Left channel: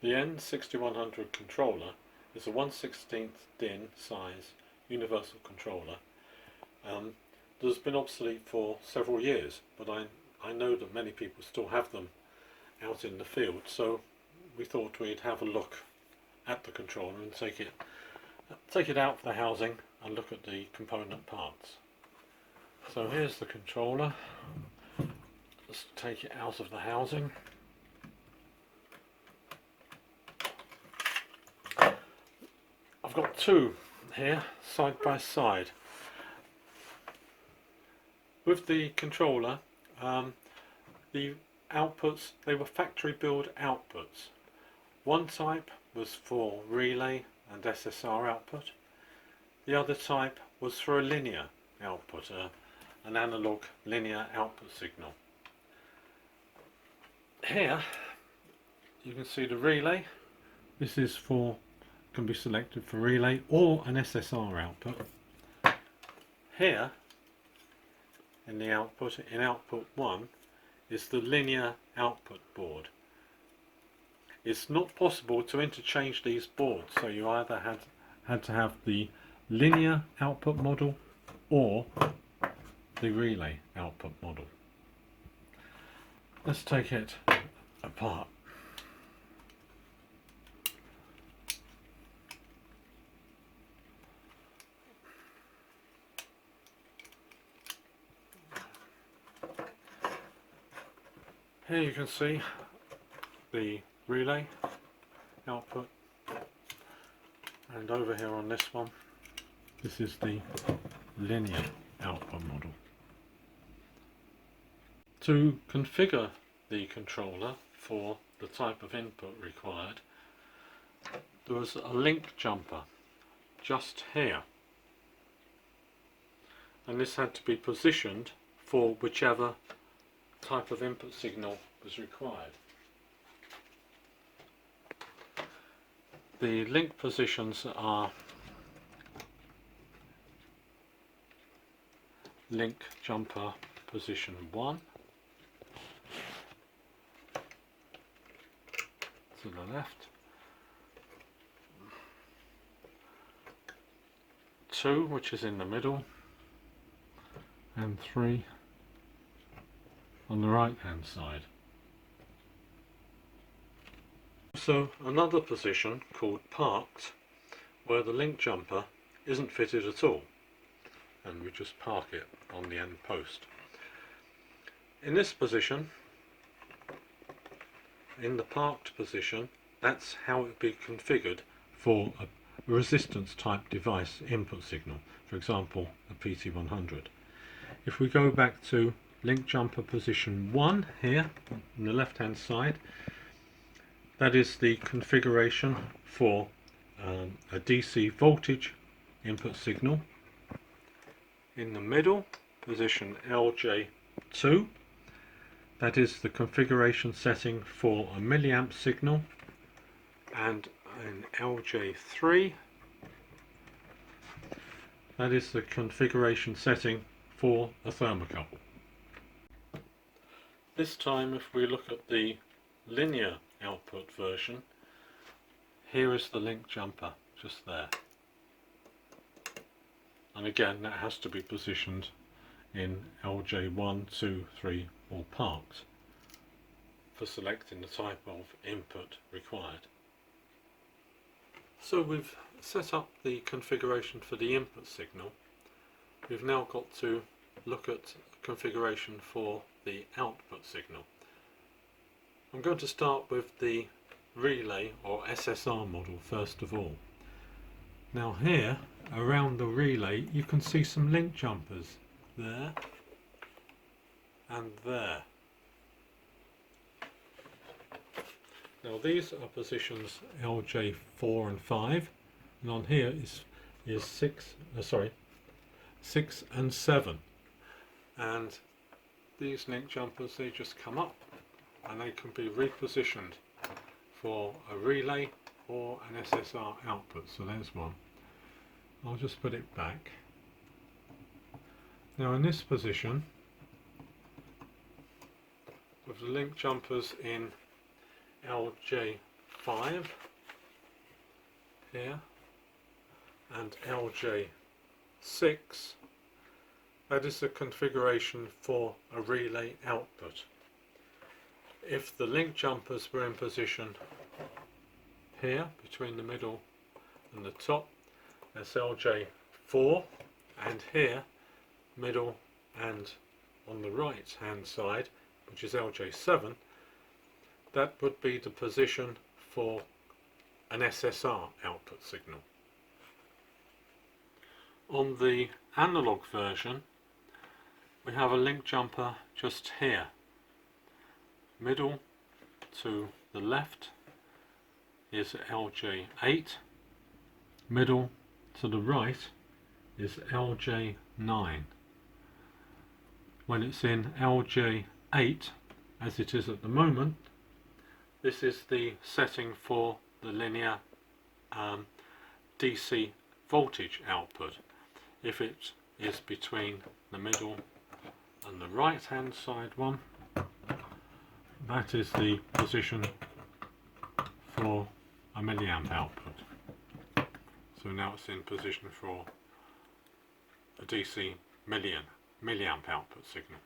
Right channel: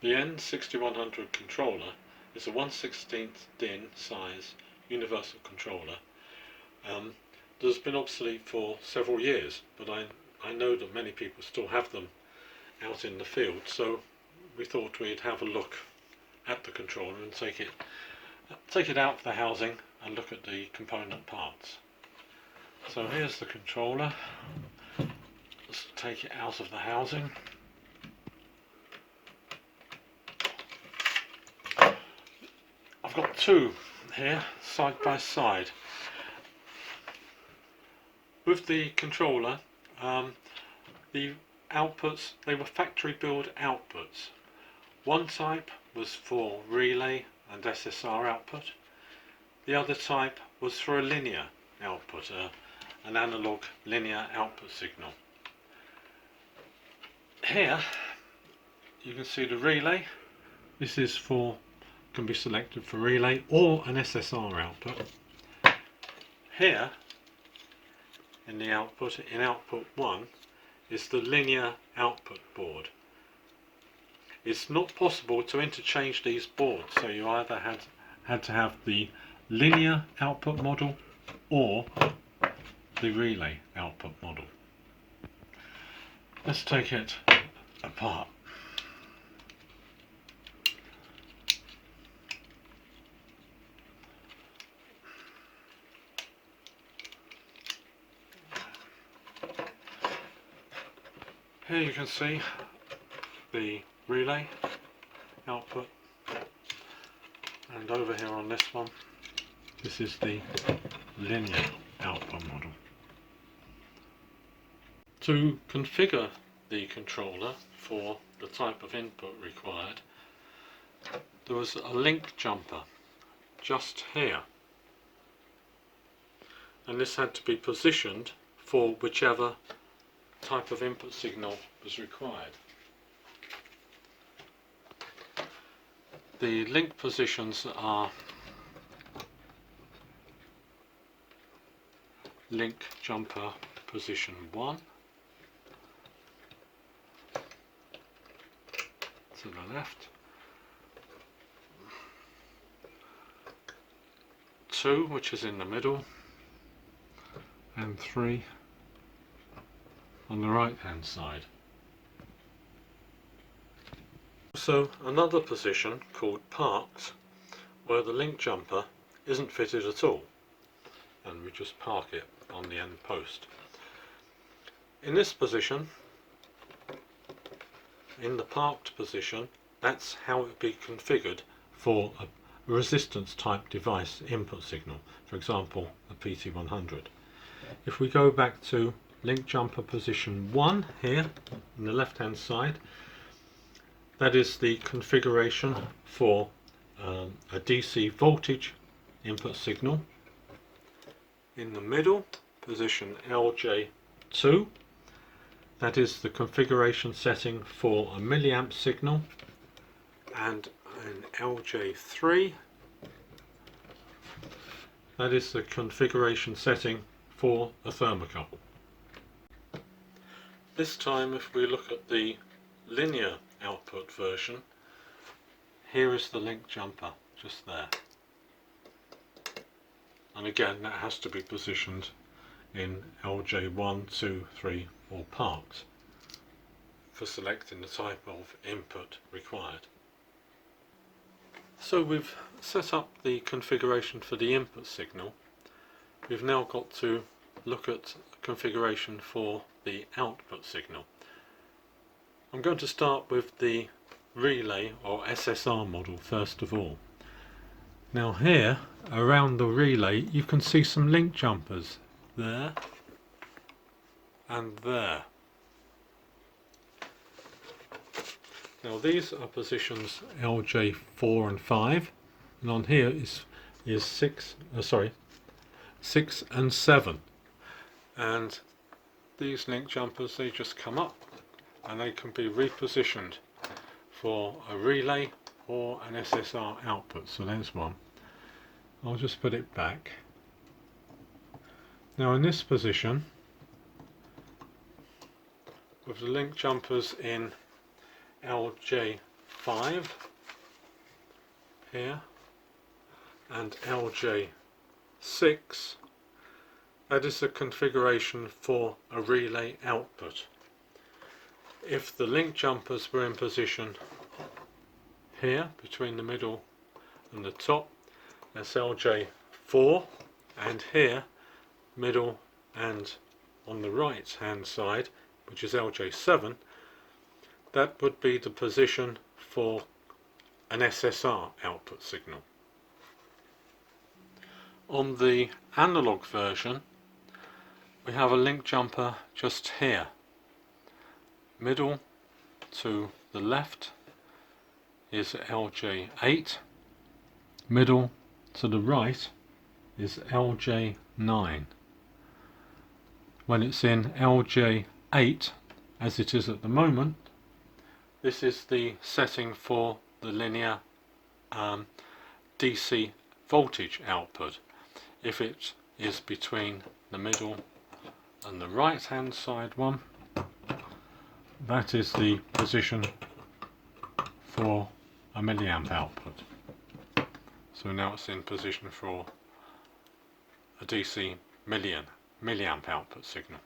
The N6100 controller is a 1/16 DIN size universal controller that has been obsolete for several years, but I know that many people still have them out in the field, so we thought we'd have a look at the controller and take it out of the housing and look at the component parts. So here's the controller. Let's take it out of the housing. I've got two here side by side. With the controller, the outputs, they were factory build outputs. One type was for relay and SSR output. The other type was for a linear output, an analog linear output signal. Here you can see the relay. This is can be selected for relay or an SSR output. Here in the output, in output 1, is the linear output board. It's not possible to interchange these boards, so you either had to have the linear output model or the relay output model. Let's take it apart. Here you can see the relay output, and over here on this one, this is the linear output model. To configure the controller for the type of input required, there was a link jumper just here, and this had to be positioned for whichever type of input signal was required. The link positions are link jumper position 1 to the left, 2 which is in the middle, and 3 on the right hand side. So another position called parks, where the link jumper isn't fitted at all, and we just park it on the end post. In this position, in the parked position, that's how it would be configured for a resistance type device input signal, for example a PT100. If we go back to link jumper position 1 here on the left hand side, that is the configuration for a DC voltage input signal. In the middle, position LJ2, that is the configuration setting for a milliamp signal, and in LJ3, that is the configuration setting for a thermocouple. This time, if we look at the linear output version, here is the link jumper just there, and again that has to be positioned in LJ1, 2, 3 or parked for selecting the type of input required. So we've set up the configuration for the input signal. We've now got to look at configuration for the output signal. I'm going to start with the relay or SSR model first of all. Now here around the relay you can see some link jumpers there and there. Now these are positions LJ4 and 5, and on here is 6 and 7, and these link jumpers, they just come up and they can be repositioned for a relay or an SSR output. So there's one. I'll just put it back. Now in this position, with the link jumpers in LJ4, LJ5 here and LJ6. That is the configuration for a relay output. If the link jumpers were in position here between the middle and the top, that's LJ4, and here middle and on the right hand side, which is LJ7, that would be the position for an SSR output signal. On the analog version, we have a link jumper just here. Middle to the left is LJ8, middle to the right is LJ9. When it's in LJ8, as it is at the moment, this is the setting for the linear DC voltage output. If it is between the middle and the right hand side one, that is the position for a milliamp output. So now it's in position for a DC milliamp output signal.